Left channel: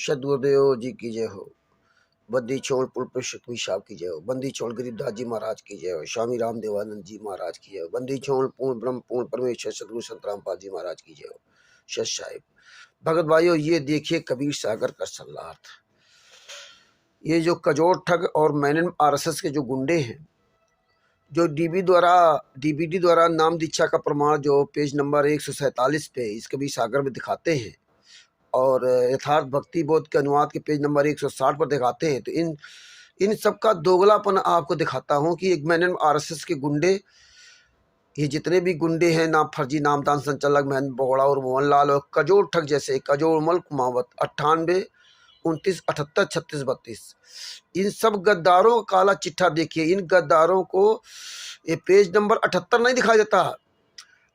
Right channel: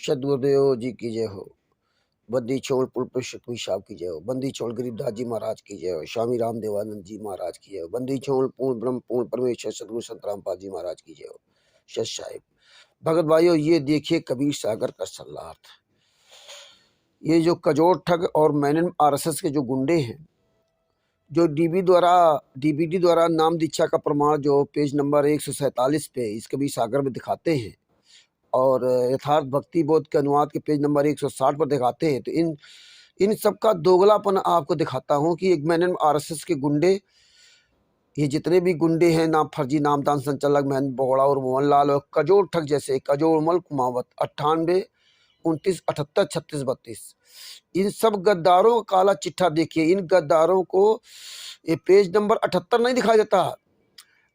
सदगुरुदेव जी की जय हो। बद्दी छोड़ पुल पर शुक्मी साहब की जय हो। बंदी छोड़ गरीबदास जी महाराज की जय हो। स्वामी राम देवानंद जी महाराज की जय हो। बंदी छोड़ पूर्ण ब्रह्म पूर्ण परमेश्वर सदगुरु संत रामपाल जी महाराज की जय हो। सत साहिब भगत भाइयों, ये देखिए कबीर सागर का सल्लार्थ। ये जो कजोर ठग और मैनन आरएसएस के जो गुंडे हैं, जो डीबीडी द्वारा नाम दीक्षा का प्रमाण जो पेज नंबर 147 पे इस कबीर सागर में दिखाते हैं और यथार्थ भक्ति बोध के अनुवाद के पेज नंबर 160 पर दिखाते हैं, तो इन सब का दोगलापन आपको दिखाता हूं कि एक मैंने आरएसएस के गुंडे, ये जितने भी गुंडे हैं, नाम फर्जी नामदान संचालक महेंद्र बोगड़ा और मोहन लाल और कजोर ठग जैसे कजोर मल कुमावत 98 29 78 36 32, इन सब गद्दारों का काला चिट्ठा देखिए। इन गद्दारों को ये पेज नंबर 78 नहीं दिखाई देता,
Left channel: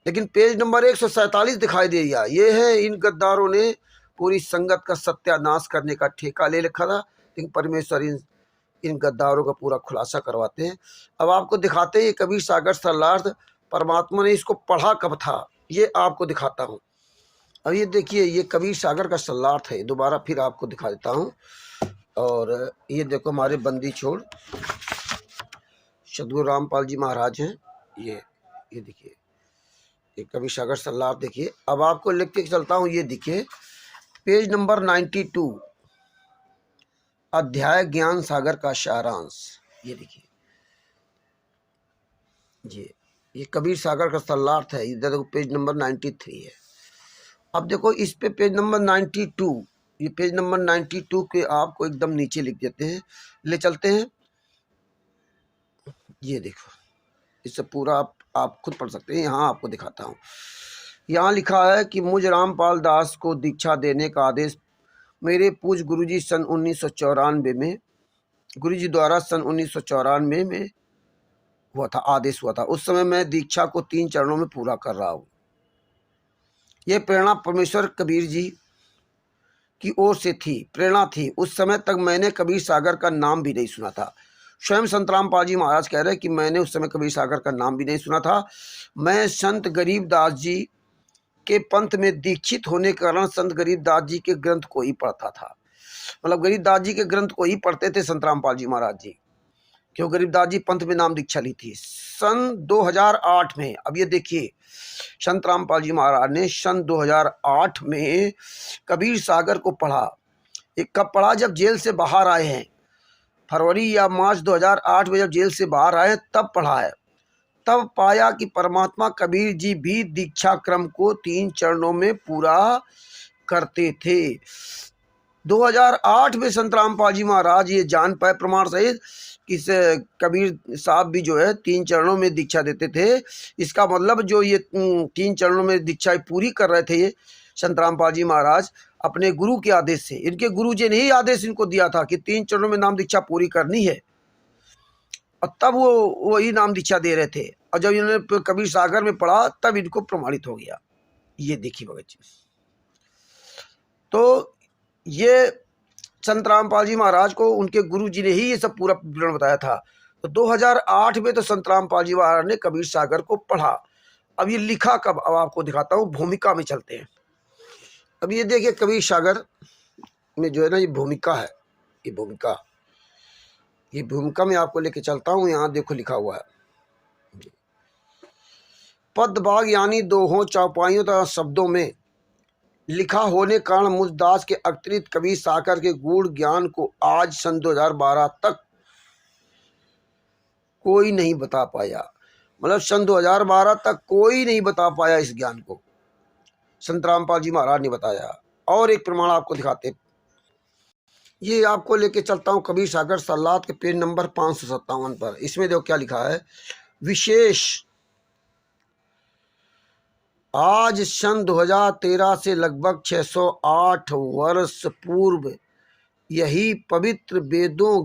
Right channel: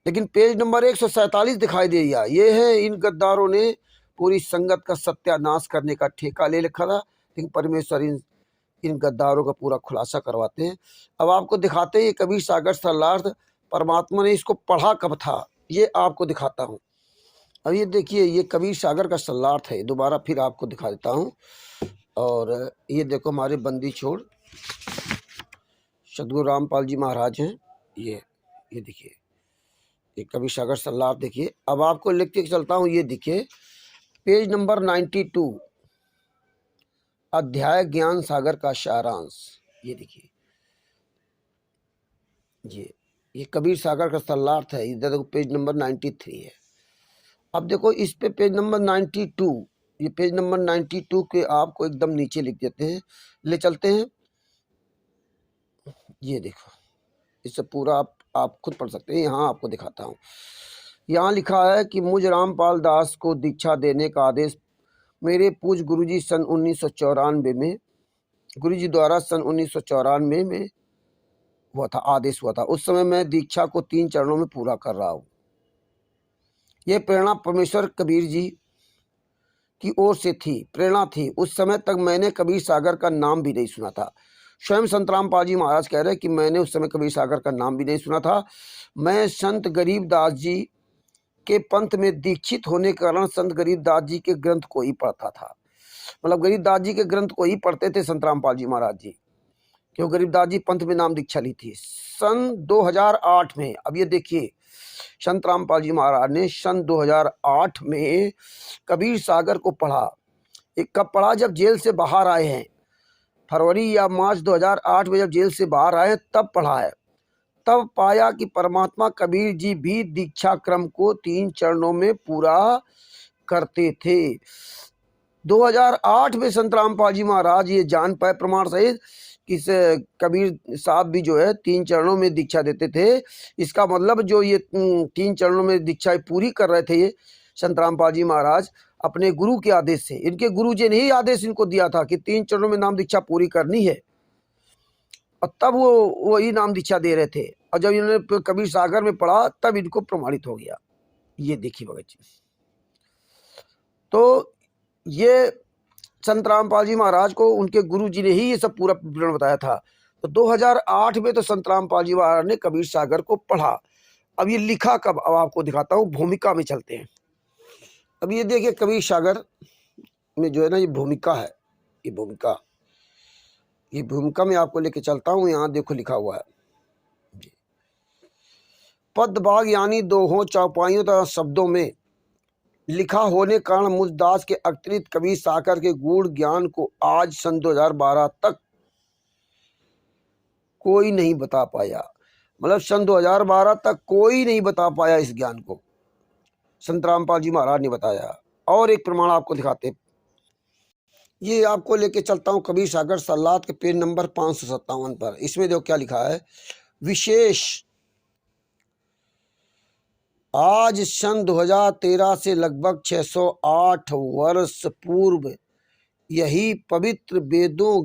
लेकिन पेज नंबर 147 दिखाई देगा। ये है इन गद्दारों ने पूरी संगत का सत्यानाश करने का ठेका ले रखा था, लेकिन परमेश्वर इन गद्दारों का पूरा खुलासा करवाते हैं। अब आपको दिखाते हैं ये कबीर सागर सल्लार्थ, परमात्मा ने इसको पढ़ा कब था, ये आपको दिखाता हूँ। अब ये देखिए, ये कबीर सागर का सल्लार्थ है। दोबारा फिर आपको दिखा देता हूँ। और ये देखो, हमारे बंदी छोड़ सदगुरु रामपाल जी महाराज हैं। ये देखिए, ये कबीर सागर सल्लार्थ देखिए। अब आपको लिख के चलता हूँ। ये देखिए पेज नंबर 92, अध्याय ज्ञान सागर का सारांश। ये देखिए जी, ये कबीर सागर का सल्लार्थ है। इधर देखो पेज नंबर 93 है। अब देखो इस पे पेज नंबर 92, ये पेज नंबर 92 के आपको एकदम नीचे लिख देते हैं, ले चलते हैं। ये देखो, इससे पूरा आप खुद पढ़ सकते हैं। यहाँ आपको दिखाता हूँ। यहाँ लिखा है कि मुझ रामपाल दास को दीक्षा देने का आदेश मेरे पूज्य गुरुजी सन 1994 में, गुरुजी द्वारा सन 1994 में हुआ था, आदेश हुआ था। उस समय मैं दीक्षा को 3 चरणों में पूरा कर रहा हूँ। यह प्रेरणा परमेश्वर कबीर जी की ओर से थी, प्रेरणा थी। उस समय तक मैंने कबीर सागर का नाम भी नहीं सुना था। स्वयं संत रामपाल जी महाराज कह रहे हैं कि मैंने उस समय कबीर सागर का नाम भी नहीं सुना था। मैं संत गरीबदास जी के पंथ में दीक्षित होने के कारण संत गरीबदास जी के ग्रंथ को ही पढ़ता था। मतलब गरीबदास जी के ग्रंथ को ही पढ़ते थे संत रामपाल जी महाराज जी, क्यों गरीबदास जी पंथ में नाम दीक्षा ली थी सन 2008 में। अब ये देखिए, संत रामपाल जी महाराज ने सन 2008 में कबीर सागर को पढ़ा। एक कब पढ़ा? जब जेल से बाहर आए हैं, फरवरी या मार्च 2008 में जब जेल से बाहर आए तब पढ़ा है। तब पाया कि परमात्मा कबीर जी भी दीक्षा क्रम को 3 चरणों में पूरा करते थे। 2008 में संत रामपाल जी महाराज ये जान पाए प्रमाण सहित कि कबीर साहब भी जो है 3 चरणों में दीक्षा देते थे। इसका मतलब जो ये 3 चरणों में दीक्षा पूरी कर रहे थे ये संत रामपाल जी महाराज अपने गुरु के आदेश से, इनके गुरु जी ने ही आदेश इनको दिया था कि 3 चरणों में नाम दीक्षा पूरी करनी है, और तब वो वही नाम दीक्षा दे रहे थे। और जब इन्होंने कबीर सागर में पढ़ा तब इनको प्रमाणित हो गया। ये देखिए भगत जी, तो ये संत रामपाल जी महाराज को उनके गुरु जी ने ही ये सब पूरा विवरण बताया था। तो 2008 में तो संत रामपाल जी महाराज ने कबीर सागर को पढ़ा। अब ये लिखा कब, अब आपको दिखाता हूँ। भूमिका में चलते हैं। अब ये देखिए कबीर सागर में जो है ना, ये भूमिका है। ये भूमिका में आपको लेके चलता हूँ। यहाँ देखो लिखा हुआ है, पद भाग यानी दोहों चौपाइयों तथा शब्दों में लिखा होने कारण मुझ दास के अतिरिक्त कबीर सागर के गूढ़ ज्ञान को आज सन 2012 तक कोई नहीं बता पाया। मतलब सन 2012 तक कोई नहीं बता पाया इस ज्ञान को, संत रामपाल जी महाराज ने बताया। और एक प्रमाण आपको दिखाते हैं। ये आपको लेके चलता हूँ कबीर सागर सल्लात के पेज नंबर 557 पर। इसमें देखो क्या लिखा है। विशेष आज सन 2013 से लगभग 608 वर्ष पूर्व यही पवित्र वेदों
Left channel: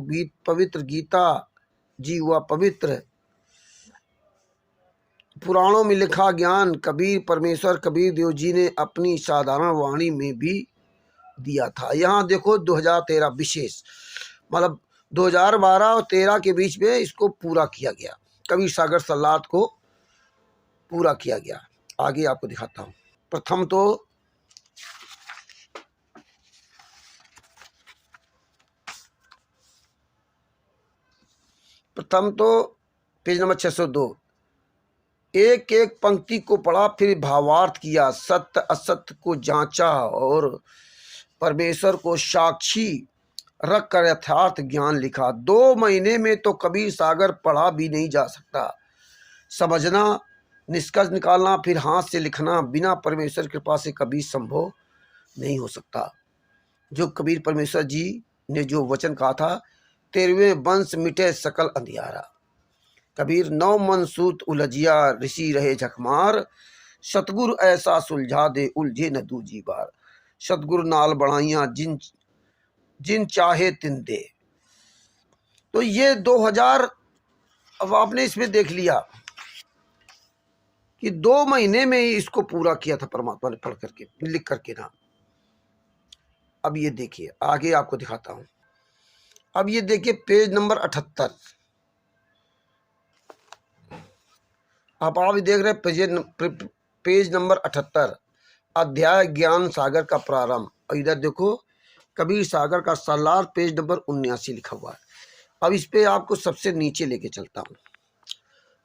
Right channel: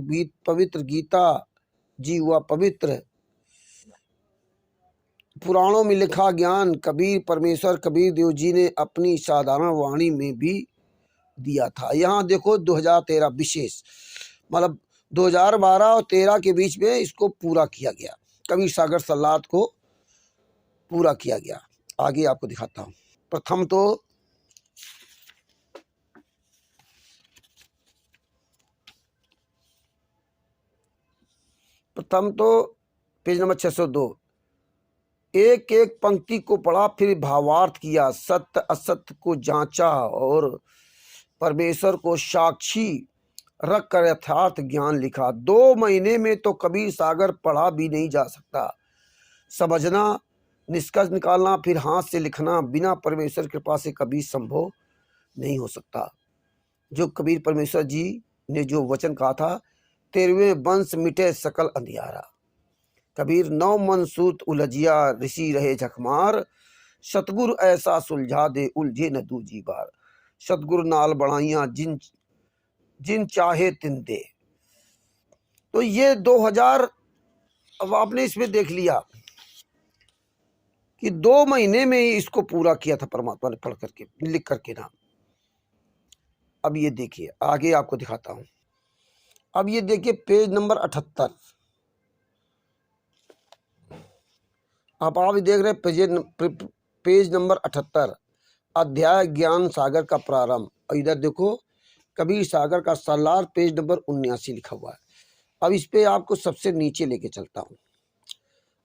पवित्र गीता जी हुआ पवित्र पुराणों में लिखा ज्ञान कबीर परमेश्वर कबीर देव जी ने अपनी साधारण वाणी में भी दिया था। यहाँ देखो 2013 विशेष, मतलब 2012 और 13 के बीच में इसको पूरा किया गया, कबीर सागर सल्लात को पूरा किया गया। आगे आपको दिखाता हूँ। प्रथम तो प्रथम तो पेज नंबर 602, एक एक पंक्ति को पढ़ा, फिर भावार्थ किया, सत्य असत्य को जांचा और परमेश्वर को साक्षी रख कर यथार्थ ज्ञान लिखा। 2 महीने में तो कबीर सागर पढ़ा भी नहीं जा सकता। समझना, निष्कर्ष निकालना, फिर हाथ से लिखना बिना परमेश्वर की कृपा से कभी संभव नहीं हो सकता। जो कबीर परमेश्वर जी ने जो वचन कहा था, 13वें वंश मिटे सकल अंधियारा। कबीर 9 मन सूत उलझिया, ऋषि रहे झकमार, सतगुरु ऐसा सुलझा दे उलझे न दूजी बार। सतगुरु नाल बढ़ाइया जिन जिन चाहे तिन दे। तो ये 2000, अब आपने इसमें देख लिया कि 2 महीने में ही इसको पूरा किया था परमात्मा ने, पढ़ करके लिख करके ना। अब ये देखिए, आगे आपको दिखाता हूं। अब ये देखिए पेज नंबर 78, आप भी देख रहे हैं पेज नंबर 78, अध्याय ज्ञान सागर का प्रारंभ। और इधर देखो कबीर सागर का सालार, पेज नंबर 79 लिखा हुआ है। अब इस पे आपको सबसे नीचे लेके चलता हूं।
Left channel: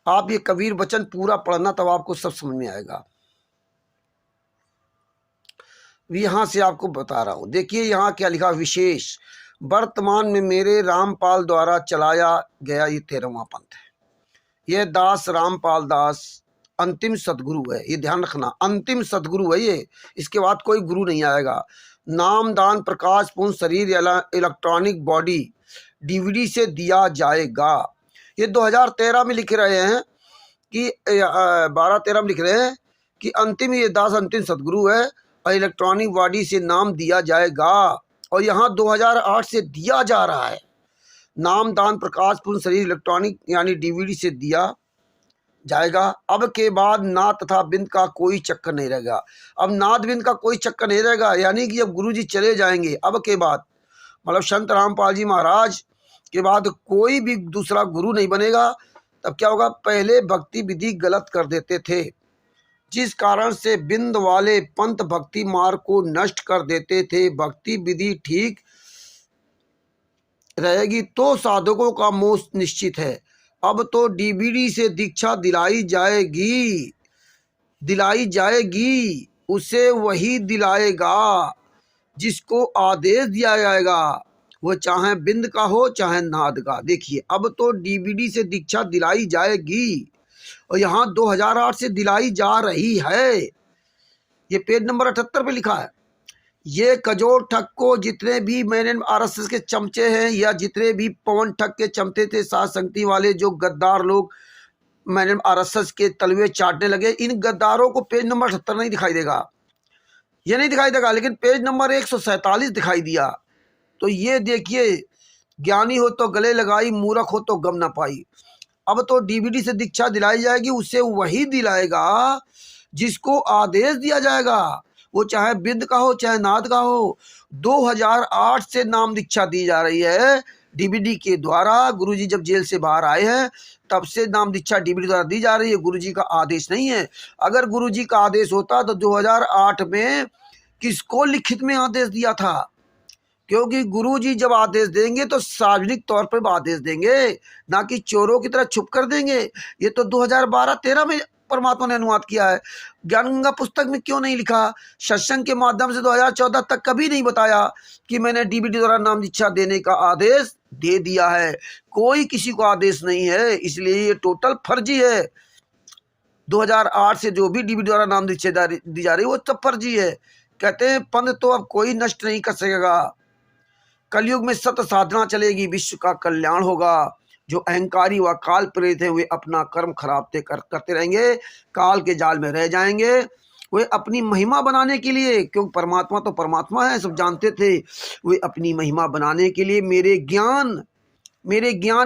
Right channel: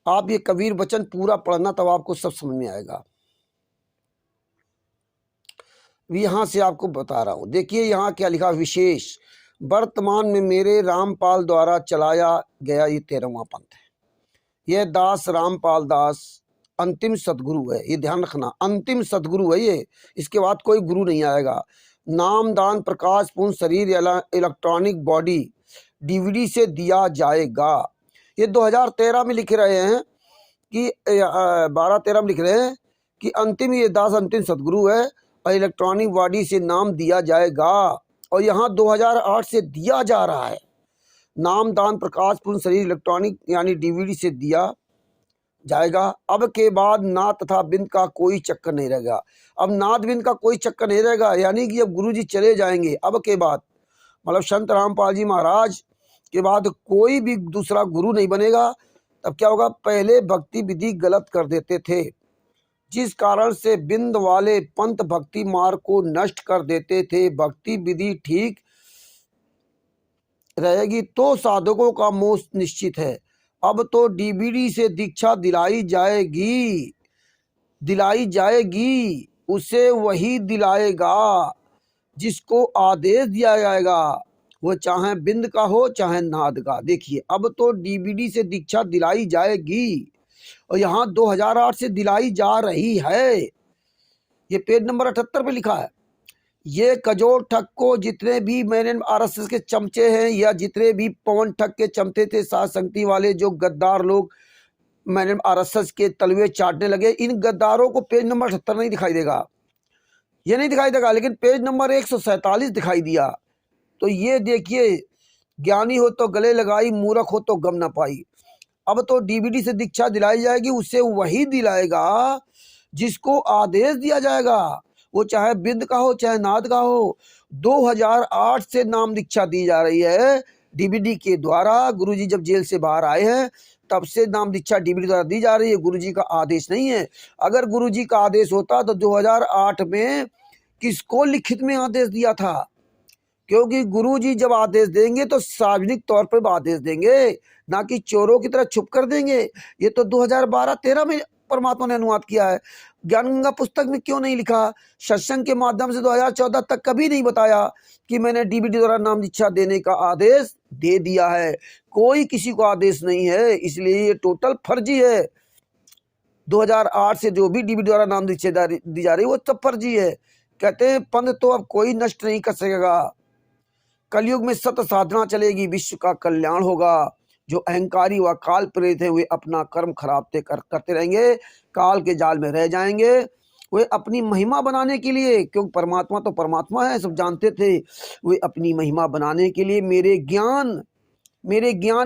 आप ये कबीर वचन पूरा पढ़ना, तब आपको सब समझ में आएगा। यहां से आपको बता रहा हूं, देखिए यहां क्या लिखा, विशेष वर्तमान में मेरे रामपाल द्वारा चलाया गया ये 13वां पंथ है। यह दास रामपाल दास अंतिम सदगुरु है, ये ध्यान रखना, अंतिम सदगुरु है ये, इसके बाद कोई गुरु नहीं आएगा। नाम दान प्रकाश पूर्ण शरीर इलेक्ट्रॉनिक बॉडी डीवीडी से दिया जाएगा। ये 2013 में लिख रहे हैं कि 12-13 में लिख रहे हैं कि अंतिम, ये दास अंतिम सदगुरु है और इलेक्ट्रॉनिक बॉडी से नाम दिया जाएगा। और यहाँ 2008 से दिया जा रहा है। नाम दान प्रकाश पूर्ण शरीर इलेक्ट्रॉनिक यानी डीवीडी से दिया जाएगा। अब के बाद नाद तथा बिंद का कोई चक्कर नहीं रहेगा। अब नाद बिंद का कोई चक्कर नहीं रहेगा, यानी कि अब गुरुजी चले जाएंगे। अब के बाद मतलब संत रामपाल जी महाराज के बाद कोई भी दूसरा गुरु नहीं बनेगा। तब क्या होगा, पहले भक्ति विधि गलत कर देते थे, जिस कारण से बिंद वाले पंथ भक्ति मार्ग को नष्ट कर देते थे। भक्ति विधि ठीक रहेगी तो साधकों का मोक्ष निश्चित है। अब तो डीवीडी से दीक्षा दिलाई जाएगी, उसे वही दिलाएगा जिसको आदेश दिया जाएगा, वो चाहे बिंद का हो चाहे नाद का। देखिए, अब तो डीवीडी से दीक्षा दिलाई जाएगी और यहाँ 2008 से दिलाई जा रही है। ये पेज नंबर 78 पे लिखा है। ये कजोर ठग को जितने भी मैंने आरएसएस के चमचे हैं या जितने भी पवन ठग के चमचे थे, साध संगति वाले जो गद्दार लोग मैंने आरएसएस के तलवे चाटने लगे, इन गद्दारों को पेज नंबर 78 नहीं दिखाई देगा, ये नहीं दिखाई देगा, लेकिन पेज नंबर 147 दिखाई दिया। तो ये देखिए, ज्ञानी हो तो गले लगाई, मूर्ख हो तो गम ना पाई। अब तो डीवीडी से दीक्षा दिलाई जाएगी, उसे वही दिलाएगा जिसको आदेश दिया जाएगा, वो चाहे बिंद का हो चाहे नाद का हो। 2008 से नाम दीक्षा दी जा रही है डीवीडी के द्वारा। गुरुजी जब जेल से बाहर आए हैं तब से नाम दीक्षा डीवीडी द्वारा दी जा रही है, गुरुजी का आदेश नहीं है। अगर गुरुजी का आदेश होता तो 2008 में किसको लिखित में आदेश दिया था, क्योंकि गुरुजी जब आदेश देंगे तो सार्वजनिक तौर पर आदेश देंगे, ना कि चोरों की तरह छुप कर देंगे। ये तो 2012-13 में परमात्मा ने अनुवाद किया है। ज्ञान गंगा पुस्तक में क्यों नहीं लिखा? सत्संग के माध्यम से 2014 तक कभी नहीं बताया कि मैंने डीवीडी द्वारा नाम दीक्षा देने का आदेश दे दिया है। कोई किसी को आदेश नहीं है, इसलिए ये टोटल फर्जी है। 2008 से जो भी डीवीडी द्वारा नाम दीक्षा दी जा रही है वो सब फर्जी है। कहते हैं पंथ तो अब कोई नष्ट नहीं कर सकेगा। कलयुग में सत्य साधना चलेगी, विश्व का कल्याण होगा। जो अहंकारी व काल प्रेरित है वे अपना कर्म खराब करते रहेंगे, काल के जाल में रह जाएंगे। वे अपनी महिमा बनाने के लिए, क्योंकि परमात्मा तो परमात्मा है, सब जानते थे, वे अपनी महिमा बनाने के लिए मेरे ज्ञान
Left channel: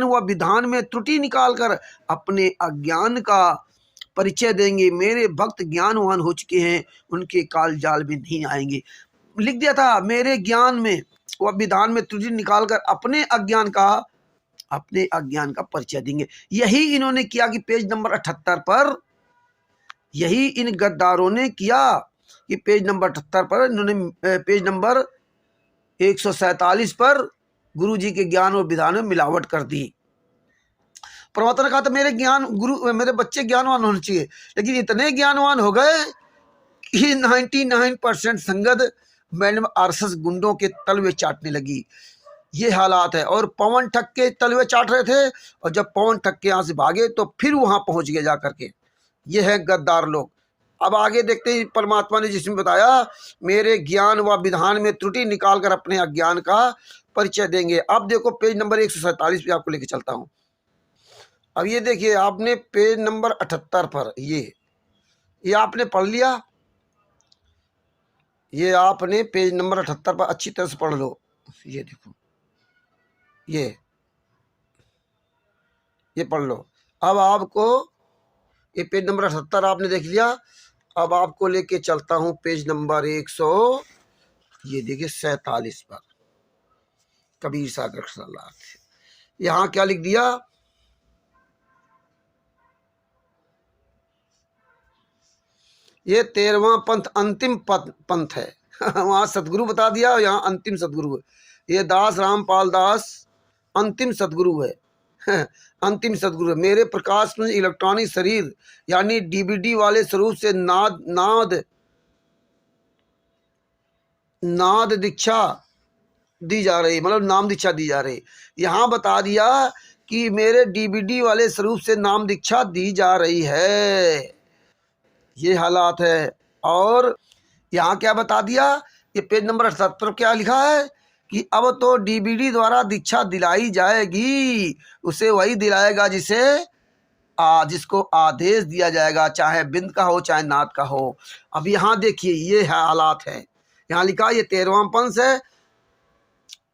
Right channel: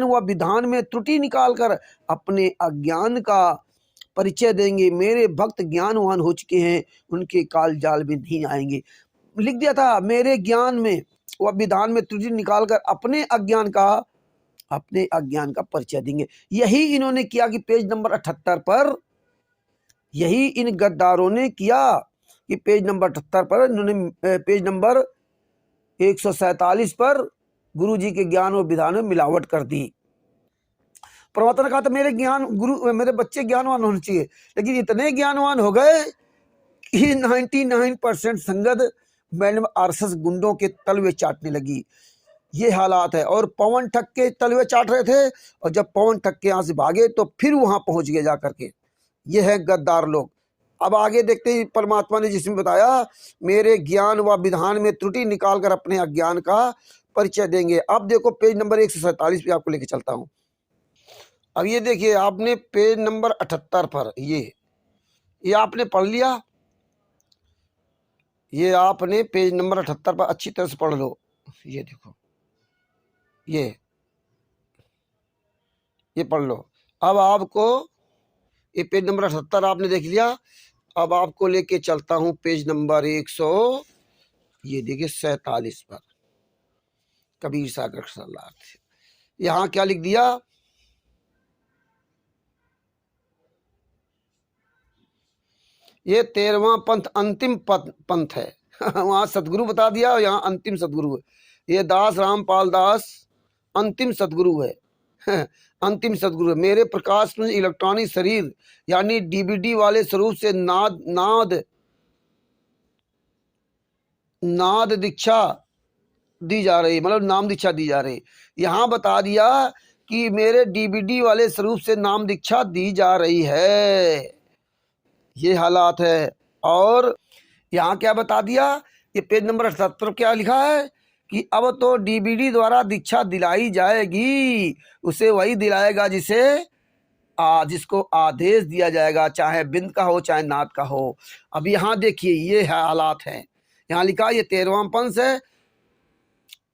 व विधान में त्रुटि निकालकर अपने अज्ञान का परिचय देंगे। मेरे भक्त ज्ञानवान हो चुके हैं, उनके काल जाल में नहीं आएंगे। लिख दिया था, मेरे ज्ञान में व विधान में त्रुटि निकालकर अपने अज्ञान का परिचय देंगे। यही इन्होंने किया कि पेज नंबर 78 पर, यही इन गद्दारों ने किया कि पेज नंबर 78 पर इन्होंने पेज नंबर 147 पर गुरुजी के ज्ञान और विधान में मिलावट कर दी। परमात्मा ने कहा था मेरे ज्ञान गुरु मेरे बच्चे ज्ञानवान होने चाहिए, लेकिन इतने ज्ञानवान हो गए कि 99% संगत मैडम आरएसएस गुंडों के तलवे चाटने लगी। ये हालात है। और पवन ठग के तलवे चाट रहे थे, और जब पवन ठग के यहाँ से भागे तो फिर वहां पहुंच गए जाकर के। ये है गद्दार लोग। अब आगे देखते हैं, परमात्मा ने जिसमें बताया मेरे ज्ञान व विधान में त्रुटि निकालकर अपने अज्ञान का परिचय देंगे। अब देखो पेज नंबर 147 पे आपको लेके चलता हूं। अब ये देखिए, आपने पेज नंबर 78 पर ये आपने पढ़ लिया। ये आपने पेज नंबर 78 पर अच्छी तरह से पढ़ लो। ये देखो, ये पढ़ लो। अब आपको ये पेज नंबर 78 आपने देख लिया। अब आपको लेके चलता हूं पेज नंबर 147 पर, कबीर सागर सलाह। यहां क्या लिख दिया, ये 13वां पंथ अंतिम पंथ है। वहां सतगुरु बता दिया, यहाँ अंतिम सतगुरु है। ये दास रामपाल दास अंतिम सतगुरु है। अंतिम सतगुरु है। मेरे प्रकाश में इलेक्ट्रॉनिक शरीर यानी डीवीडी वाले स्वरूप से नाद दीक्षा दी जा रही, मतलब नाम दीक्षा दी जा रही। यहाँ बता दिया कि मेरे डीवीडी वाले स्वरूप से नाम दीक्षा दी जा रही है। ये हालात है। और यहाँ क्या बता दिया, ये पेज नंबर 78 क्या लिखा है कि अब तो डीवीडी द्वारा दीक्षा दिलाई जाएगी, उसे वही दिलाएगा जिसको आदेश दिया जाएगा, चाहे बिंद का हो चाहे नाद का हो। अब यहाँ देखिए, ये है हालात है। यहाँ लिखा ये 13वां पंथ है,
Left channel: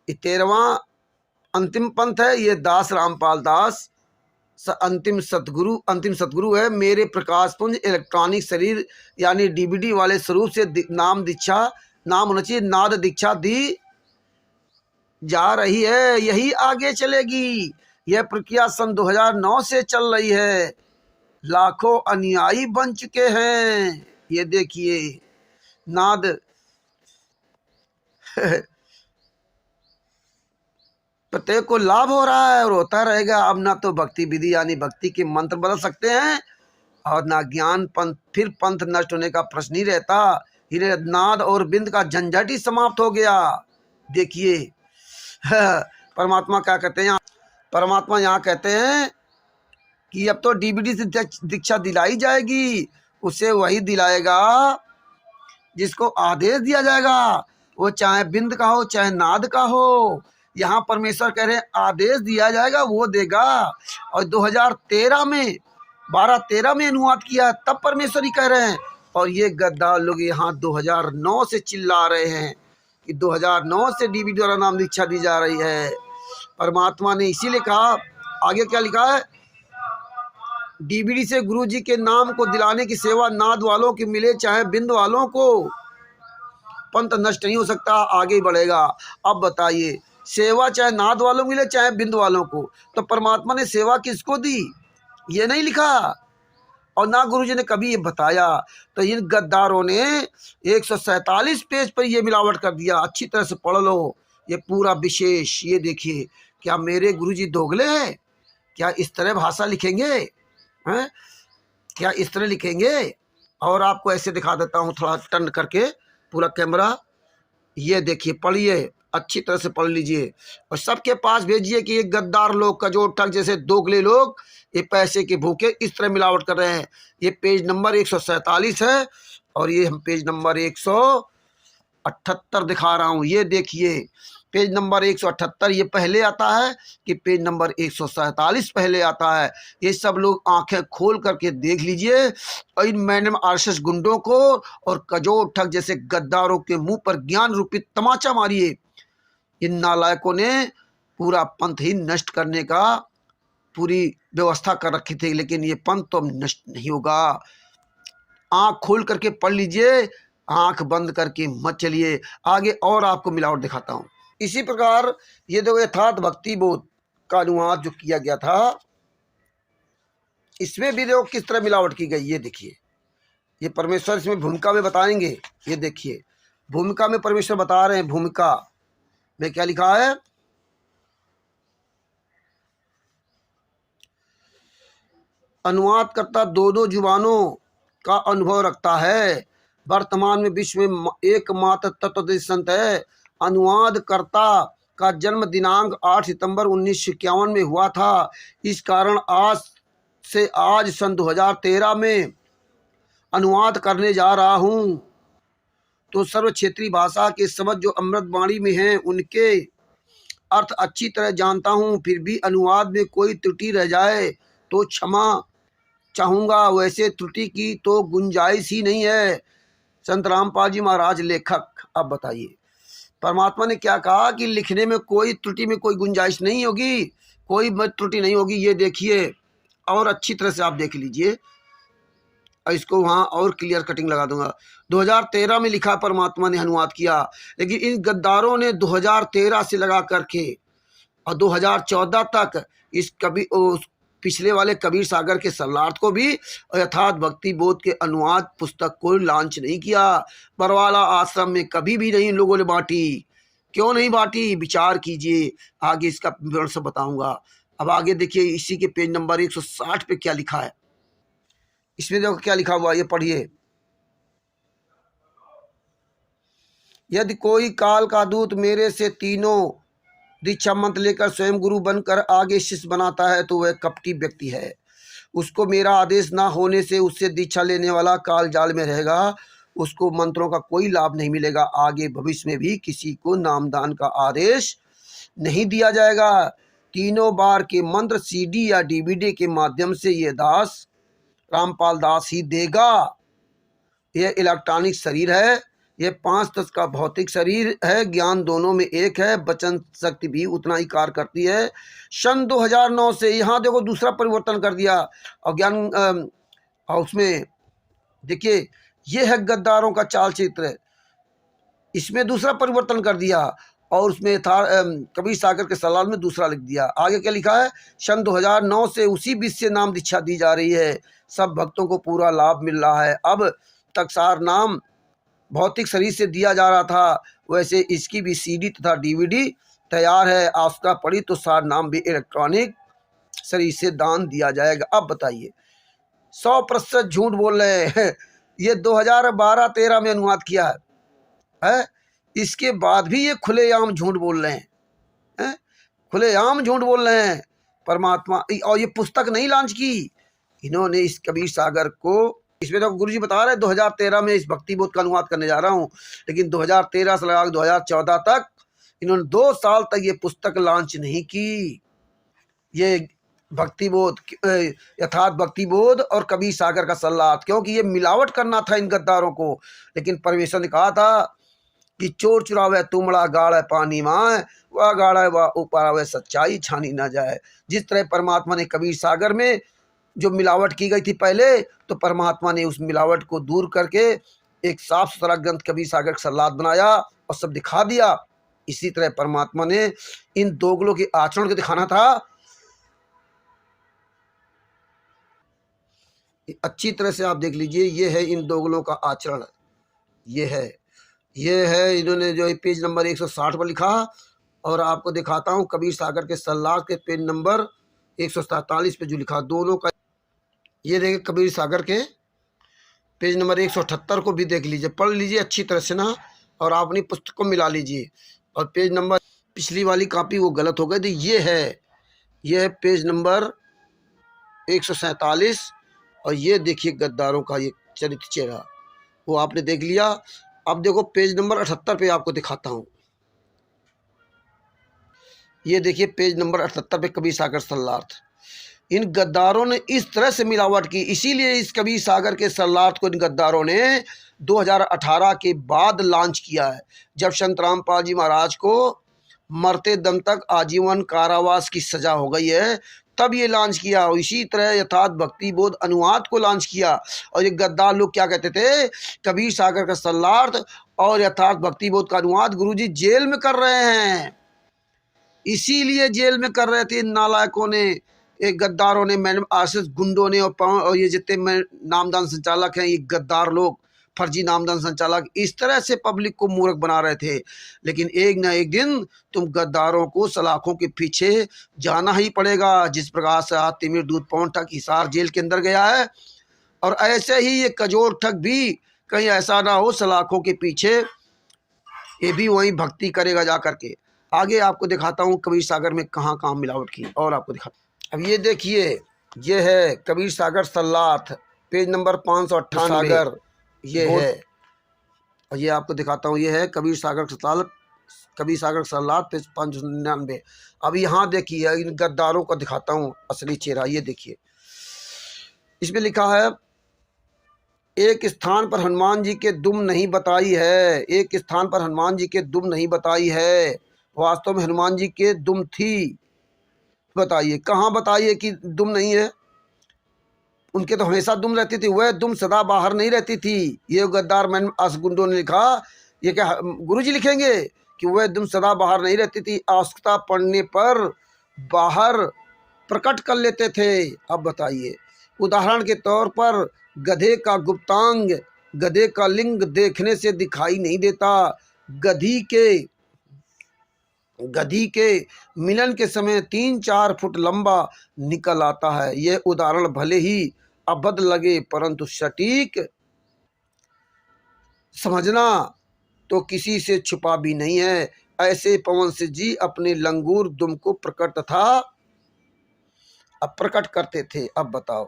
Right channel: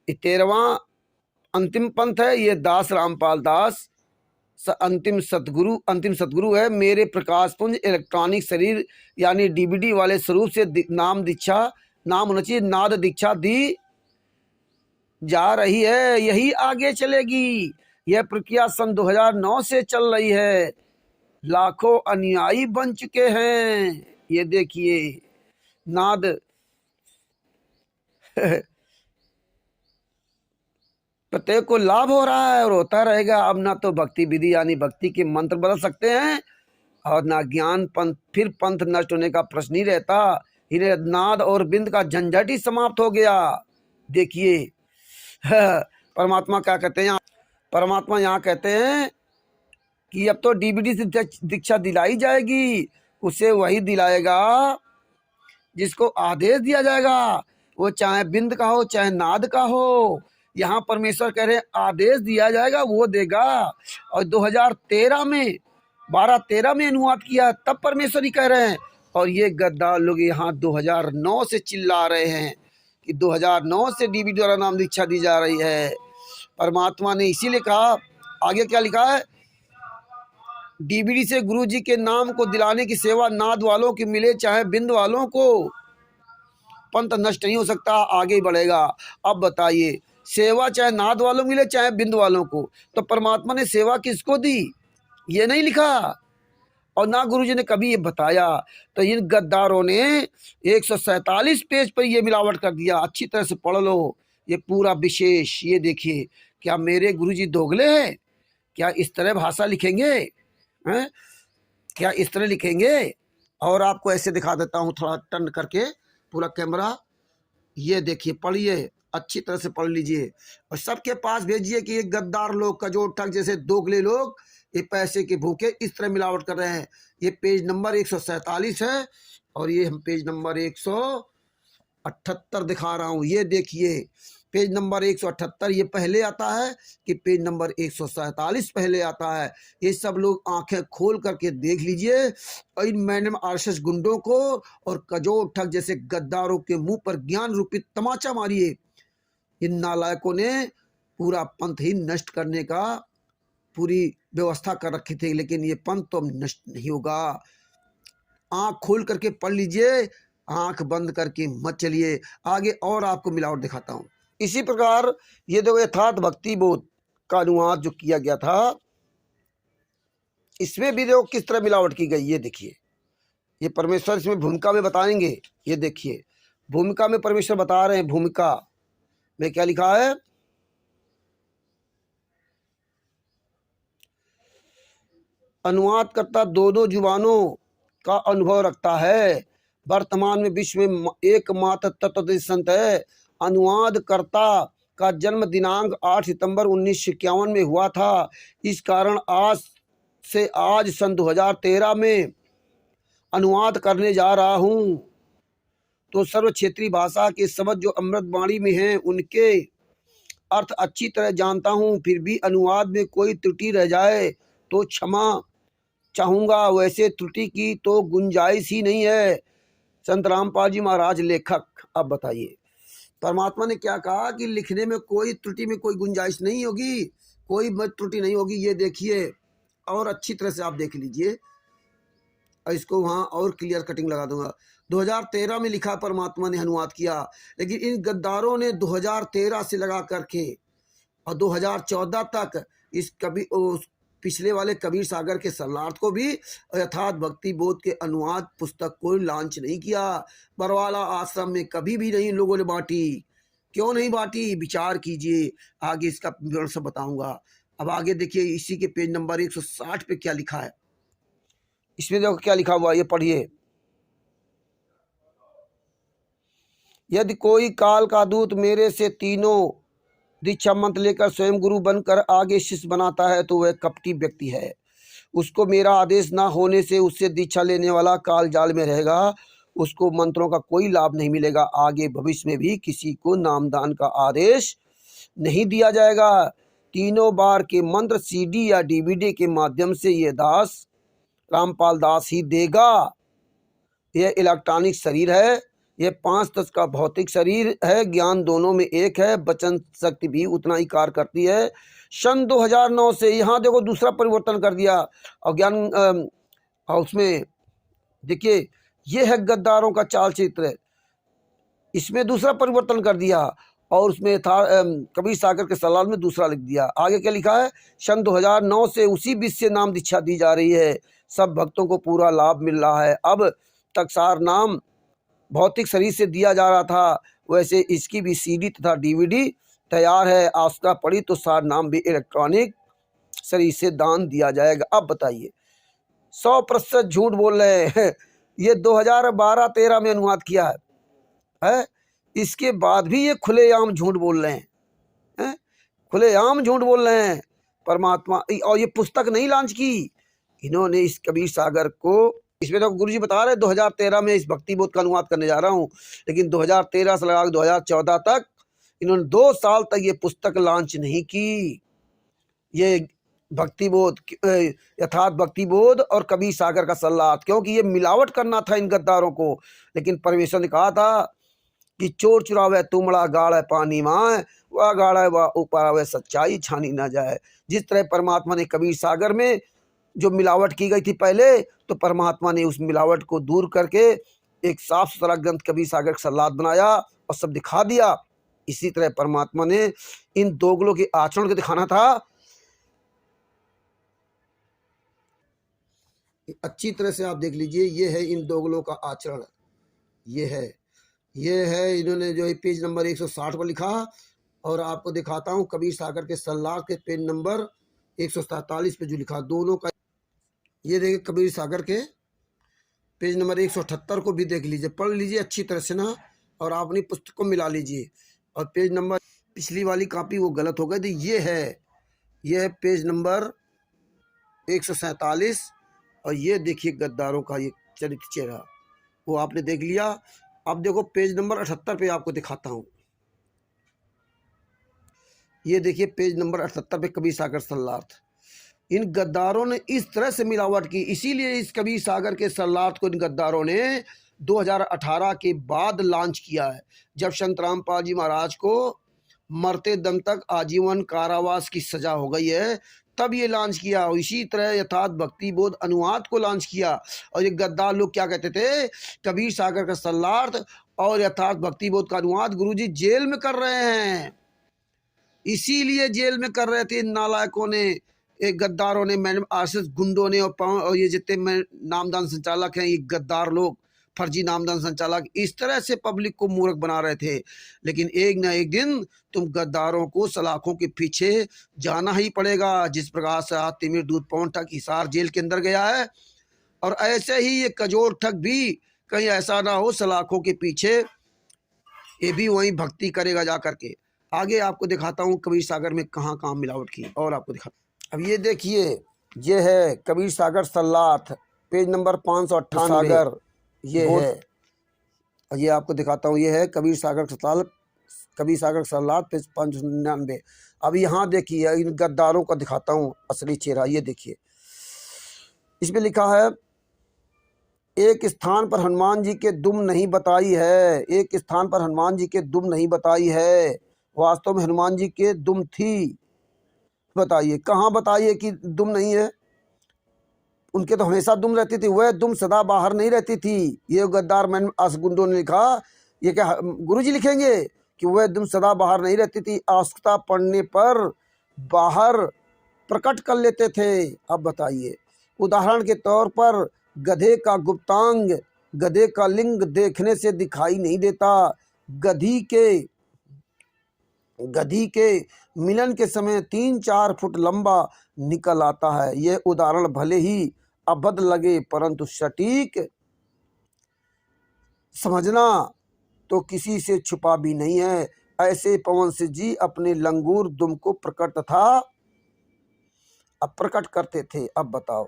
ये 13वां अंतिम पंथ है। ये दास रामपाल दास अंतिम सतगुरु है। मेरे प्रकाश पुंज इलेक्ट्रॉनिक शरीर यानी डीवीडी वाले स्वरूप से नाम होना चाहिए, नाद दीक्षा दी जा रही है, यही आगे चलेगी। यह प्रक्रिया सन 2009 से चल रही है। लाखों अनुयायी बन चुके हैं। ये देखिए, नाद प्रत्येक को लाभ हो रहा है और होता रहेगा। अब ना तो भक्ति विधि यानी भक्ति के मंत्र बदल सकते हैं, और ना ज्ञान पंथ, फिर पंथ नष्ट होने का प्रश्न ही रहता। इन्हें नाद और बिंद का झंझट ही समाप्त हो गया। देखिए, परमात्मा क्या कहते हैं, परमात्मा यहाँ कहते हैं कि अब तो डीवीडी से दीक्षा दिलाई जाएगी, उसे वही दिलाएगा जिसको आदेश दिया जाएगा, वो चाहे बिंद का हो चाहे नाद का हो। यहाँ परमेश्वर कह रहे हैं आदेश दिया जाएगा, वो देगा। और 2013 में 12-13 में अनुवाद किया, तब परमेश्वर ही कह रहे हैं। और ये गद्दार लोग यहाँ 2009 से चिल्ला रहे हैं कि 2009 से डीवीडी द्वारा नाम दीक्षा दी जा रही है। परमात्मा ने इसीलिए कहा, आगे क्या लिखा है, डीवीडी से गुरु जी के नाम को दिलाने की सेवा नाद वालों की मिले चाहे बिंद वालों को, पंथ नष्ट नहीं हो सकता, आगे बढ़ेगा। अब बताइए, सेवा चाहे नाद वालों मिले चाहे बिंद वालों को, तो परमात्मा ने सेवा किसको दी, ये नहीं लिखा, और ना गुरुजी ने कभी ये बताया। तो इन गद्दारों ने 147 पेज पर ये मिलावट कर दिया। अच्छी तरह से पढ़ लो ये पूरा विशेष। ये देखिए, क्या मेरे गुरुजी दोगले हैं? क्या इस तरह भाषा लिखेंगे हैं? क्या इस तरह लिखेंगे? और आपको ऐसे दिखा देता हूँ थोड़ा टर्न करके पूरा कैमरा। ये देखिए, पढ़िए, अच्छी तरह से पढ़ लीजिए और सबके पास भेजिए कि ये गद्दार लोग, कजोर ठग जैसे दोगले लोग, ये पैसे के भूखे इस तरह मिलावट कर रहे हैं। ये पेज नंबर 147 है और ये हम पेज नंबर 178 दिखा रहा हूँ। ये देखिए, पेज नंबर 178 ये पहले आता है कि पेज नंबर 147 पहले आता है। ये सब लोग आंखें खोल करके देख लीजिए और इन मैडम आरएसएस गुंडों को और कजोर ठग जैसे गद्दारों के मुंह पर ज्ञान रूपी तमाचा मारिए। इन नालायकों ने पूरा पंथ ही नष्ट करने का पूरी व्यवस्था कर रखी थी, लेकिन ये पंथ तो नष्ट नहीं होगा। आंख खोल करके पढ़ लीजिए, आंख बंद करके मत चलिए। आगे और आपको मिलावट दिखाता हूं। इसी प्रकार ये देखो, यथार्थ भक्ति बोध का अनुवाद जो किया गया था, इसमें भी देखो किस तरह मिलावट की गई। ये देखिए, ये परमेश्वर इसमें भूमिका में बताएंगे। ये देखिए, भूमिका में परमेश्वर बता रहे हैं। भूमिका में क्या लिखा है, अनुवादकर्ता दो दो जुबानों का अनुभव रखता है। वर्तमान में विश्व में एकमात्र तत्वदर्शी संत है। अनुवादकर्ता का जन्म दिनांक 8 सितंबर 1951 में हुआ था। इस कारण आज सन 2013 में अनुवाद करने जा रहा हूँ। तो सर्व क्षेत्रीय भाषा के शब्द जो अमृतवाणी में हैं उनके अर्थ अच्छी तरह जानता हूँ। फिर भी अनुवाद में कोई त्रुटि रह जाए तो क्षमा चाहूँगा। वैसे त्रुटि की तो गुंजाइश ही नहीं है। संत रामपाल जी महाराज लेखक। अब बताइए परमात्मा ने क्या कहा कि लिखने में कोई त्रुटि में कोई गुंजाइश नहीं होगी, कोई त्रुटि नहीं होगी। ये देखिए और अच्छी तरह से आप देख लीजिए, इसको वहाँ और क्लियर कटिंग लगा दूंगा। 2013 में लिखा परमात्मा ने अनुवाद किया, लेकिन इन गद्दारों ने 2013 से लगा करके और 2014 तक इस पिछले वाले कबीर सागर के सरलार्थ को भी यथार्थ भक्ति बोध के अनुवाद पुस्तक को लॉन्च नहीं किया। बरवाला आश्रम में कभी भी नहीं इन लोगों ने बांटी। क्यों नहीं बांटी, विचार कीजिए, आगे इसका विवरण सब बताऊंगा। अब आगे देखिए इसी के पेज नंबर 160 पे क्या लिखा है। इसमें देखो क्या लिखा हुआ, ये पढ़िए। यदि कोई काल का दूत मेरे से तीनों दीक्षा मंत्र लेकर स्वयं गुरु बनकर आगे शिष्य बनाता है तो वह कपटी व्यक्ति है। उसको मेरा आदेश ना होने से उससे दीक्षा लेने वाला काल जाल में रहेगा। उसको मंत्रों का कोई लाभ नहीं मिलेगा। आगे भविष्य में भी किसी को नामदान का आदेश नहीं दिया जाएगा। तीनों बार के मंत्र सीडी या डीवीडी के माध्यम से यह दास रामपाल दास ही देगा। यह इलेक्ट्रॉनिक शरीर है, यह 5 तत्व का भौतिक शरीर है। ज्ञान दोनों में एक है, वचन शक्ति भी उतना ही कार्य करती है। सन 2009 से यहाँ देखो दूसरा परिवर्तन कर दिया और ज्ञान और उसमें देखिए यह है गद्दारों का चाल चित्र। इसमें दूसरा परिवर्तन कर दिया और उसमें था कबीर सागर के सलाल में दूसरा लिख दिया। आगे क्या लिखा है, सन 2009 से उसी विषय से नाम दीक्षा दी जा रही है। सब भक्तों को पूरा लाभ मिल रहा है। अब तक सार नाम भौतिक शरीर से दिया जा रहा था, वैसे इसकी भी सीडी तथा डीवीडी तैयार है। आवश्यकता पड़ी तो सार नाम भी इलेक्ट्रॉनिक शरीर से दान दिया जाएगा। अब बताइए 100% झूठ बोल रहे हैं। ये 2012-13 में अनुवाद किया है, इसके बाद भी ये खुलेआम झूठ बोल रहे हैं, खुलेआम झूठ बोल रहे हैं परमात्मा। और ये पुस्तक नहीं लॉन्च की इन्होंने इस कबीर सागर को। इसमें तो गुरुजी बता रहे 2013 में इस भक्ति बोध का अनुवाद करने जा रहा हूँ, लेकिन 2013 से लगा 2014 तक इन्होंने 2 साल तक ये पुस्तक लॉन्च नहीं की। ये भक्ति बोध, यथार्थ भक्ति बोध और कबीर सागर का सल्लात, क्योंकि ये मिलावट करना था इन गद्दारों को। लेकिन परमेश्वर ने कहा था कि चोर चुरावे तुमड़ा गाढ़ पानी माए, वह गाढ़ा वह ऊपर आवे सच्चाई छानी ना जाए। जिस तरह परमात्मा ने कबीर सागर में जो मिलावट की गई थी पहले, तो परमात्मा ने उस मिलावट को दूर करके एक साफ सुथरा ग्रंथ कबीर सागर का सल्लात बनाया और सब दिखा दिया। इसी तरह परमात्मा ने इन दोगलों के आचरण को दिखाना था। अच्छी तरह से आप देख लीजिए, ये है इन दोगलों का आचरण, ये है इन्होंने जो पेज नंबर 160 पर लिखा। और आपको दिखाता हूँ कबीर सागर के सल्लात के पेज नंबर 147 पे जो लिखा दोनों का। ये देखिए कबीर सागर के पेज नंबर 178 को भी देख लीजिए, पढ़ लीजिए अच्छी तरह से ना, और आप अपनी पुस्तक को मिला लीजिए। और पेज नंबर पिछली वाली कॉपी वो गलत हो गई थी, ये है पेज नंबर 147। और ये देखिए गद्दारों का ये चरित्र चेहरा, वो आपने देख लिया। अब देखो पेज नंबर 78 पे आपको दिखाता हूँ। ये देखिए पेज नंबर 78 पे कबीर सागर सल्लार्थ। इन गद्दारों ने इस तरह से मिलावट की, इसीलिए इस कबीर सागर के सल्लार्थ को इन गद्दारों ने 2018 के बाद लॉन्च किया है, जब संत रामपाल जी महाराज को मरते दम तक आजीवन कारावास की सजा हो गई है, तब ये लॉन्च किया। और इसी तरह यथार्थ भक्ति बोध अनुवाद को लॉन्च किया। और ये गद्दार लोग क्या कहते थे, कबीर सागर का सल्लार्थ और यथार्थ भक्ति बोध का अनुवाद गुरुजी जेल में कर रहे हैं, इसीलिए जेल में कर रहे थे इन नालायकों ने, एक गद्दारों ने, मैडम आरएसएस गुंडों ने और ये जितने नामदान संचालक हैं ये गद्दार लोग फर्जी नामदान संचालक इस तरह से पब्लिक को मूर्ख बना रहे थे। लेकिन एक न एक दिन तुम गद्दारों को सलाखों के पीछे जाना ही पड़ेगा। जिस प्रकार से आज तिमिर दूध पौन ठग हिसार जेल के अंदर गया है, और ऐसे ही ये कजोर ठग भी कहीं ऐसा ना हो सलाखों के पीछे ये भी वही भक्ति करेगा जा करके। आगे आपको दिखाता हूँ कबीर सागर में कहाँ कहाँ मिलावट की, और आपको दिखाता। अब ये देखिए, ये है कबीर सागर सल्लाथ, पेज नंबर 598 सागर ये है, और ये आपको दिखाता हूँ, ये है कबीर सागर सल्लाथ पेज 599। अब यहाँ देखिए इन गद्दारों का दिखाता हूँ असली चेहरा। ये देखिए, इसमें लिखा है एक स्थान पर हनुमान जी के दुम नहीं बताई है, एक स्थान पर हनुमान जी के दुम नहीं बताई है। वास्तव में हनुमान जी के दुम थी। बताइए कहाँ बताइए कि दुम नहीं है? उनके तो हमेशा दुम रहती थी, वह दुम सदा बाहर नहीं रहती थी। ये गद्दार मैन असगुंडो ने लिखा, ये क्या गुरुजी लिखेंगे कि वह दुम सदा बाहर नहीं रहती थी, आवश्यकता पड़ने पर बाहर प्रकट कर लेते थे। अब बताइए, उदाहरण के तौर पर गधे का गुप्तांग, गधे का लिंग देखने से दिखाई नहीं देता, गधी के मिलन के समय 3-4 फुट लंबा निकल आता है। यह उदाहरण भले ही अभद्र लगे परंतु सटीक समझना तो किसी से छुपा भी नहीं है। ऐसे पवन सिंह जी अपने लंगूर दुम को प्रकट तथा अप्रकट करते थे। अब बताओ,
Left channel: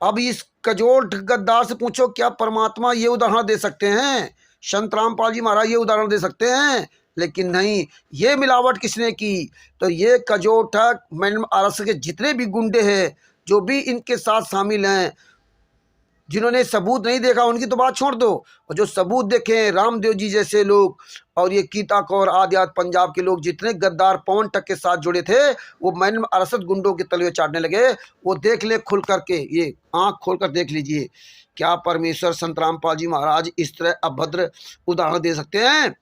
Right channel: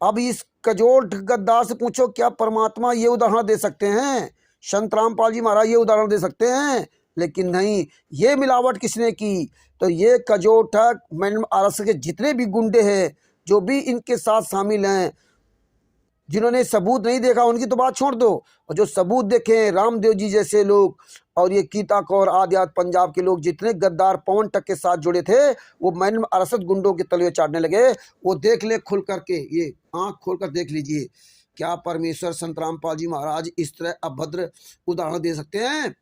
अब इस कजोल गद्दार से पूछो क्या परमात्मा ये उदाहरण दे सकते हैं? संत रामपाल जी महाराज ये उदाहरण दे सकते हैं? लेकिन नहीं, ये मिलावट किसने की? तो ये कजोल ठग मैडम आरएस के जितने भी गुंडे हैं, जो भी इनके साथ शामिल हैं, जिन्होंने सबूत नहीं देखा उनकी तो बात छोड़ दो, और जो सबूत देखे रामदेव जी जैसे लोग और ये गीता कौर आदि पंजाब के लोग, जितने गद्दार पवन ठग के साथ जुड़े थे, वो मैन अरसद गुंडों के तलवे चाटने लगे। वो देख ले खुल करके, ये आंख खोल कर देख लीजिए, क्या परमेश्वर संत रामपाल जी महाराज इस तरह अभद्र उदाहरण दे सकते हैं?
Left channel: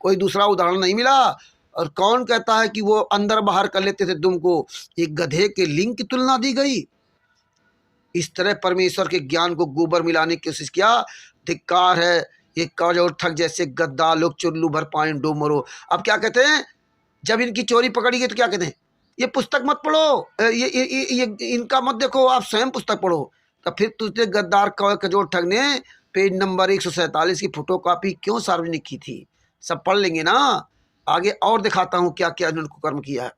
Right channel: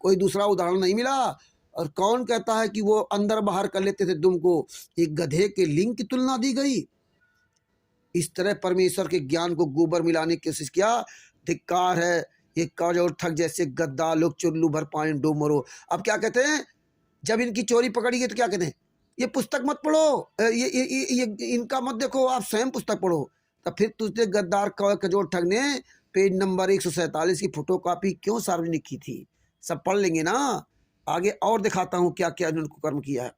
कोई दूसरा उदाहरण नहीं मिला। और कौन कहता है कि वो अंदर बाहर कर लेते थे दुम को? एक गधे के लिंग की तुलना दी गई। इस तरह परमेश्वर के ज्ञान को गोबर मिलाने की कोशिश किया। धिक्कार है, ये कजोल ठग जैसे गद्दार लोग चुल्लू भर पानी डूब मरो। अब क्या कहते हैं, जब इनकी चोरी पकड़ी गई तो क्या कहते हैं, ये पुस्तक मत पढ़ो, ये इनका मत देखो, आप स्वयं पुस्तक पढ़ो। तो फिर तुझे गद्दार कजोल ठग ने पेज नंबर 147 की फोटोकॉपी क्यों सार्वजनिक की थी? सब पढ़ लेंगे ना। आगे और दिखाता हूँ क्या क्या इन्होंने कर्म किया है।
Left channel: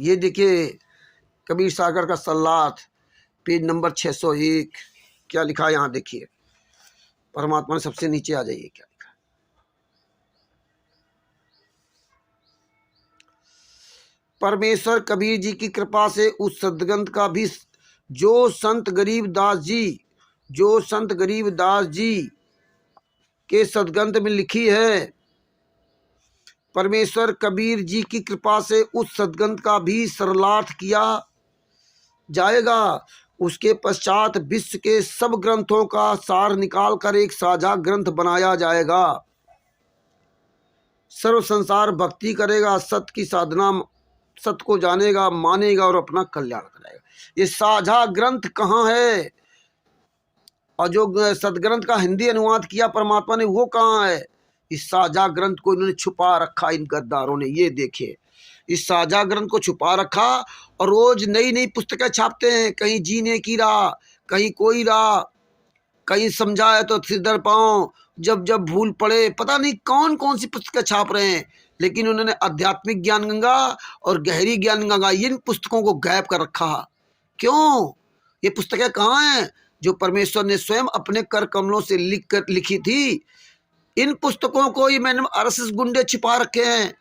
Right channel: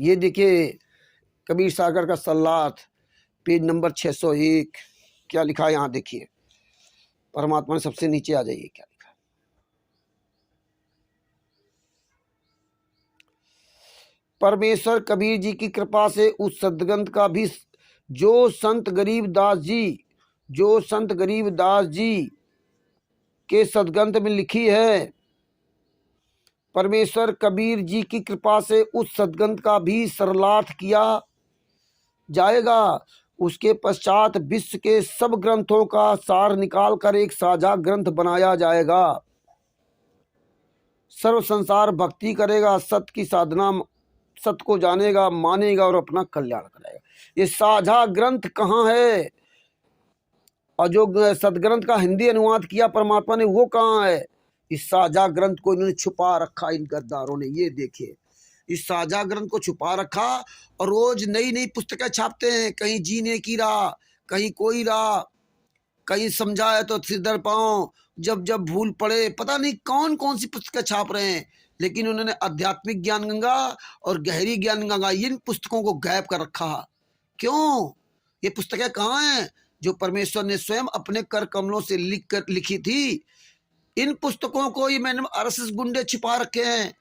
ये देखिए कबीर सागर का सल्लाथ पेज नंबर 601, क्या लिखा है यहाँ देखिए। परमात्मा ने सबसे नीचे आ जाइए, क्या लिखा है। परमेश्वर कबीर जी की कृपा से उस सदगंध का भी जो संत गरीबदास जी के सदगंध में लिखी है, परमेश्वर कबीर जी की कृपा से उस सदगंध का भी सरलार्थ किया जाएगा। उसके पश्चात विश्व के सब ग्रंथों का सार निकालकर एक साझा ग्रंथ बनाया जाएगा। सर्व संसार भक्ति करेगा, सत्य की साधना, सत्य को जानेगा, मानेगा और अपना कल्याण करेगा। ये साझा ग्रंथ कहाँ है? और जो सदग्रंथ का हिंदी अनुवाद किया परमात्मा ने, वो कहाँ है? इस साझा ग्रंथ को इन्होंने छुपा रखा इन गद्दारों ने। ये देखिए, इस साझा ग्रंथ को छुपा रखा और रोज नई नई पुस्तकें छापते हैं। कहीं जीने की राह, कहीं कोई राह, कहीं समझाए तो सिर दर पाँव, जब जब भूल पड़े, पता नहीं कौन कौन सी पुस्तकें छाप रहे हैं। लेकिन उन्होंने आध्यात्मिक ज्ञान गंगा और गहरी ज्ञान गंगा, इन पुस्तकों को गायब कर रखा। क्यों? ये पुस्तकें कहाँ हैं जो परमेश्वर ने स्वयं अपने कर कमलों से लिखी थी? इन पुस्तकों को ये मैंने आरएसएस गुंडे छिपा रखे हैं।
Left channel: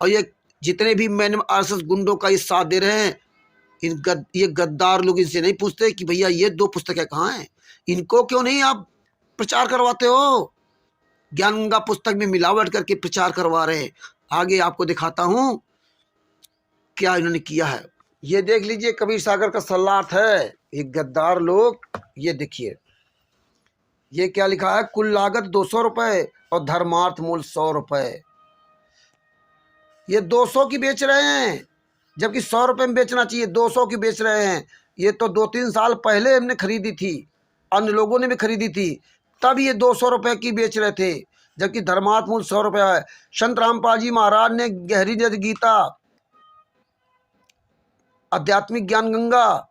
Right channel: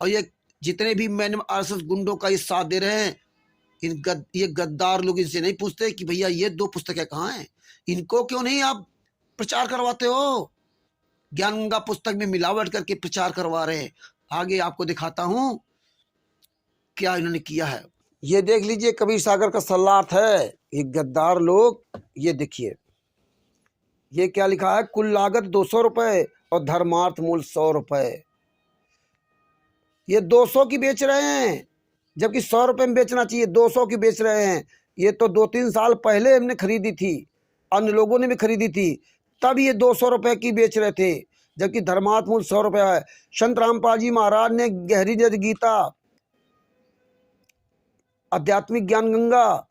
और ये जितने भी मैंने आरएसएस गुंडों का ये साथ दे रहे हैं, ये गद्दार लोग इनसे नहीं पूछते कि भैया ये 2 पुस्तकें कहाँ हैं? इनको क्यों नहीं आप प्रचार करवाते हो? ज्ञान गंगा पुस्तक में मिलावट करके प्रचार करवा रहे हैं। आगे आपको दिखाता हूं क्या इन्होंने किया है। ये देख लीजिए, कबीर सागर का सल्लार्थ है। ये गद्दार लोग, ये देखिए, ये क्या लिखा है, कुल लागत 200 रुपए और धर्मार्थ मूल्य 100 रुपए। ये 200 की बेच रहे हैं, जबकि 100 रुपए में बेचना चाहिए, 200 की बेच रहे हैं। ये तो 2-3 साल पहले हमने खरीदी थी, अन्य लोगों ने भी खरीदी थी, तब ये 200 रुपए की बेच रहे थे, जबकि धर्मार्थ मूल्य 100 रुपया है। संत रामपाल जी महाराज ने गहरी गीता, आध्यात्मिक ज्ञान गंगा,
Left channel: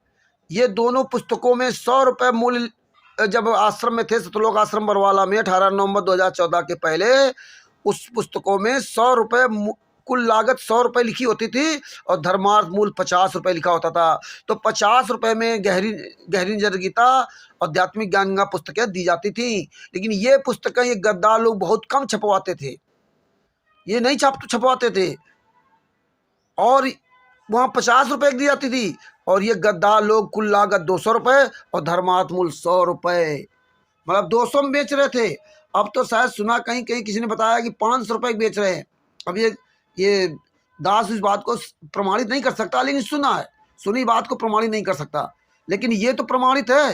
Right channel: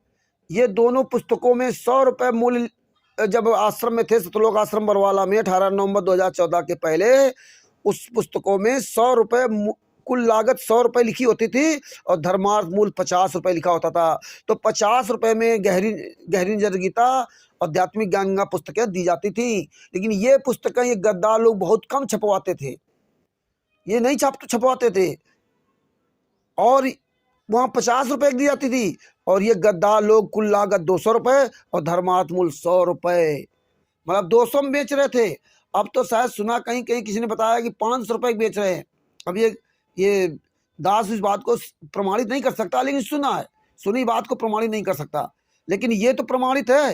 ये दोनों पुस्तकों में 100 रुपये मूल्य, जब आश्रम में थे सतलोक आश्रम बरवाला में 18 नवंबर 2014 के पहले, उस पुस्तकों में 100 रुपये कुल लागत 100 रुपये लिखी होती थी और धर्मार्थ मूल्य 50 रुपये लिखा होता था। तो 50 रुपये में गहरी गीता, आध्यात्मिक ज्ञान गंगा पुस्तकें दी जाती थी। लेकिन ये पुस्तकें ये गद्दार लोग बहुत कम छपवाते थे, ये नहीं छपवाते थे, और वहाँ 50 रुपये दी जाती थी, और ये गद्दार लोग कुल लागत 200 रुपये और धर्मार्थ मूल्य 100 रुपये, मतलब 200 में बेच रहे थे। अब तो शायद सुना कहीं कहीं किसी ने बताया कि 500 रुपये बेच रहे हैं। अब ये दास इस बात को प्रमाणित नहीं कर सकता, लेकिन सुना है, सुनी बात को प्रमाणित नहीं कर सकता, लेकिन ये तो प्रमाणित है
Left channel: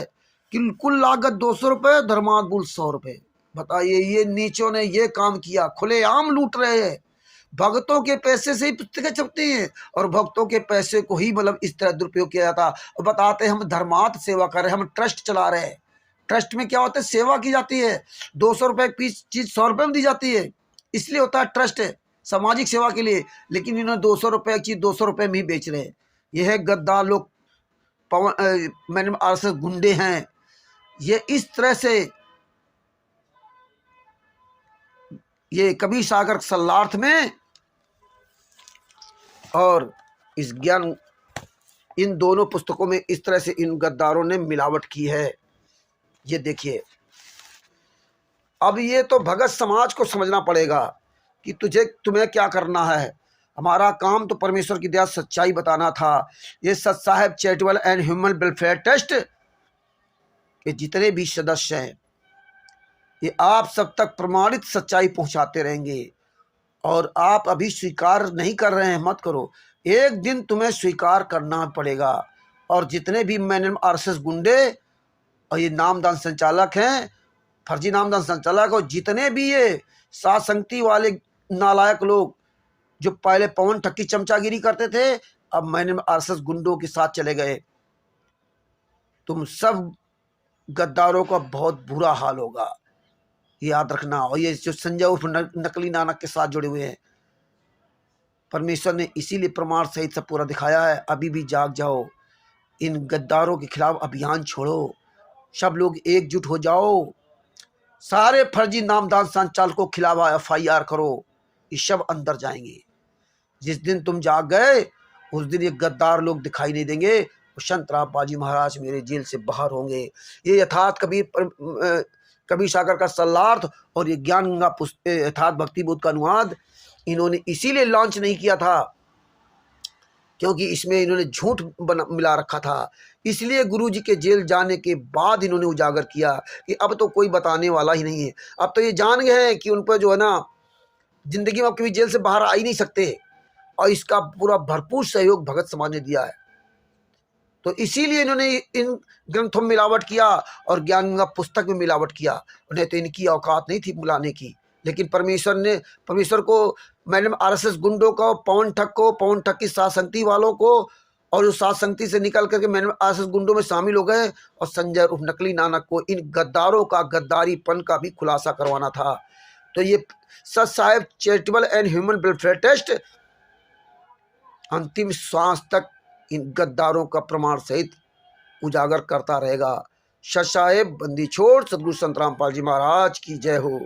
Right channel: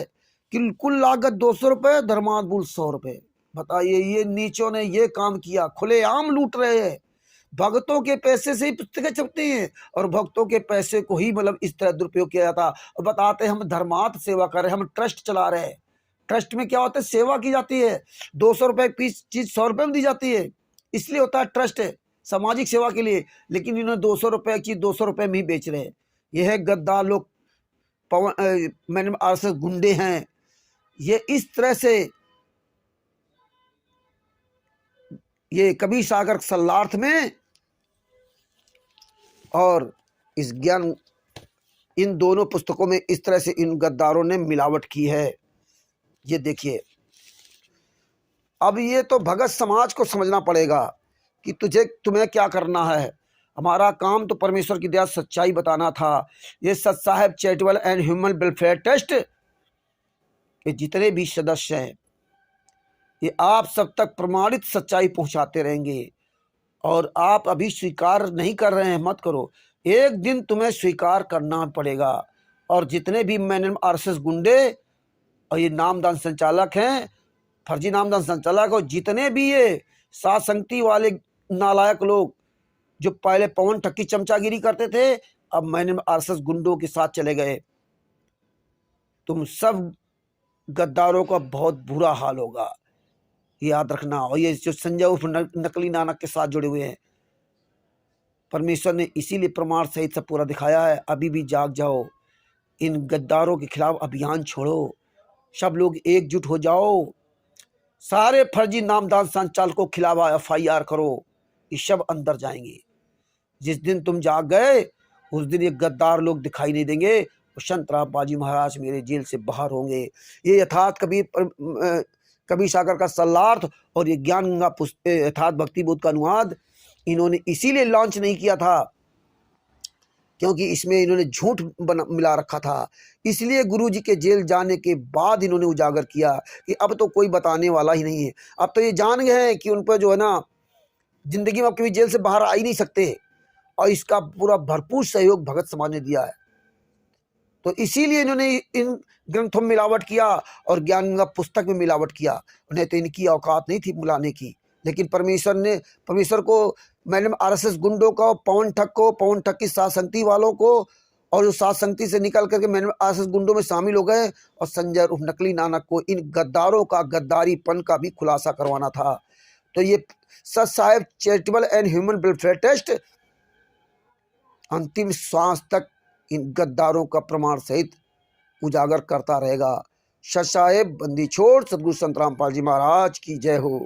कि कुल लागत 200 रुपये, धर्मार्थ मूल्य 100 रुपये। बताइए, ये नीचों ने ये काम किया, खुलेआम लूट रहे हैं। भक्तों के पैसे से ही पुस्तकें छपती हैं और भक्तों के पैसे को ही मतलब इस तरह दुरुपयोग किया जाता, और बताते हैं हम धर्मार्थ सेवा कर रहे हैं, हम ट्रस्ट चला रहे हैं। ट्रस्ट में क्या होता है, सेवा की जाती है, 200 रुपये की चीज 100 रुपये में दी जाती है, इसलिए होता है ट्रस्ट है, सामाजिक सेवा के लिए। लेकिन इन्होंने 200 रुपये की चीज 200 रुपये में ही बेच रहे हैं। यह है गद्दार लोग, मैंने आरएसएस गुंडे हैं। ये इस तरह से ये कबीर सागर सल्लार्थ में और इस ज्ञान, इन दोनों पुस्तकों में इस तरह से इन गद्दारों ने मिलावट की है। ये देखिए, अब ये तो भगत समाज को समझना पड़ेगा कि तुम्हें क्या करना है। हमारा काम तो परमेश्वर की दया सच्चाई बताना था। ये Sat Saheb charitable and human welfare trust के जितने भी सदस्य हैं, ये आप सब तक प्रमाणित सच्चाई पहुंचाते रहेंगे। और आप अभी स्वीकार नहीं कर रहे हैं, मत करो, एक दिन तुम्हें स्वीकार करना पड़ेगा। और जितने भी मैंने आरएसएस गुंडे और ये नामदान संचालक हैं, फर्जी नामदान संचालक, और जितने भी ये सात संगति वाले नालायक लोग जो पहले पवन ठक्की चमचागिरी करते थे, अब मैंने आरएसएस गुंडों के साथ चले गए, तुम सब गद्दारों का बहुत बुरा हाल होगा, याद रखना। और ये जो संजय उर्फ नकली नानक के साथ जुड़े हुए हैं, परमेश्वर ने इसीलिए प्रमाण सहित सब पूरा दिखाया है। अभी भी जाग जाओ, इन गद्दारों के खिलाफ अभियान छोड़ो, सब लोग एकजुट हो जाओ, सारे फर्जी नामदान संचालकों के खिलाफ FIR करो, ये सब अंदर जाएंगे। जिस दिन तुम जाग गए उस दिन ये गद्दार लोग दिखाई नहीं देंगे, संत रामपाल जी महाराज मेरे जेल से बाहर होंगे। ये यथार्थ कबीर सागर का सल्लार्थ और ये ज्ञान गंगा यथार्थ भक्ति बोध का अनुवाद इन्होंने इसीलिए लॉन्च नहीं किया था क्योंकि इसमें इन्होंने झूठ मिला रखा था। इसलिए गुरुजी के जेल जाने के बाद इन्होंने उजागर किया कि अब तो कोई बताने वाला ही नहीं है। अब तो ये जान गए हैं कि उन पर जो है ना, जिंदगी में अब कभी जेल से बाहर आ ही नहीं सकते, और इसका पूरा भरपूर सहयोग भगत समाज ने दिया है। तो इसीलिए इन्होंने इन ग्रंथों में मिलावट किया और ज्ञान गंगा पुस्तक में मिलावट किया। उन्हें तो इनकी औकात नहीं थी बुलाने की, लेकिन परमेश्वर को, मैंने आरएसएस गुंडों को, पवन ठग की सात संगति वालों को, और जो सात संगति से निकल करके मैंने आरएसएस गुंडों में शामिल हो गए, और संजय उर्फ नकली नानक को इन गद्दारों का गद्दारीपन का भी खुलासा करवाना था। तो ये Sat Saheb charitable and human welfare trust अंतिम श्वास तक इन गद्दारों का प्रमाण सहित उजागर करता रहेगा। सत साहेब बंदी छोड़ सदगुरु संत रामपाल जी महाराज की जय हो।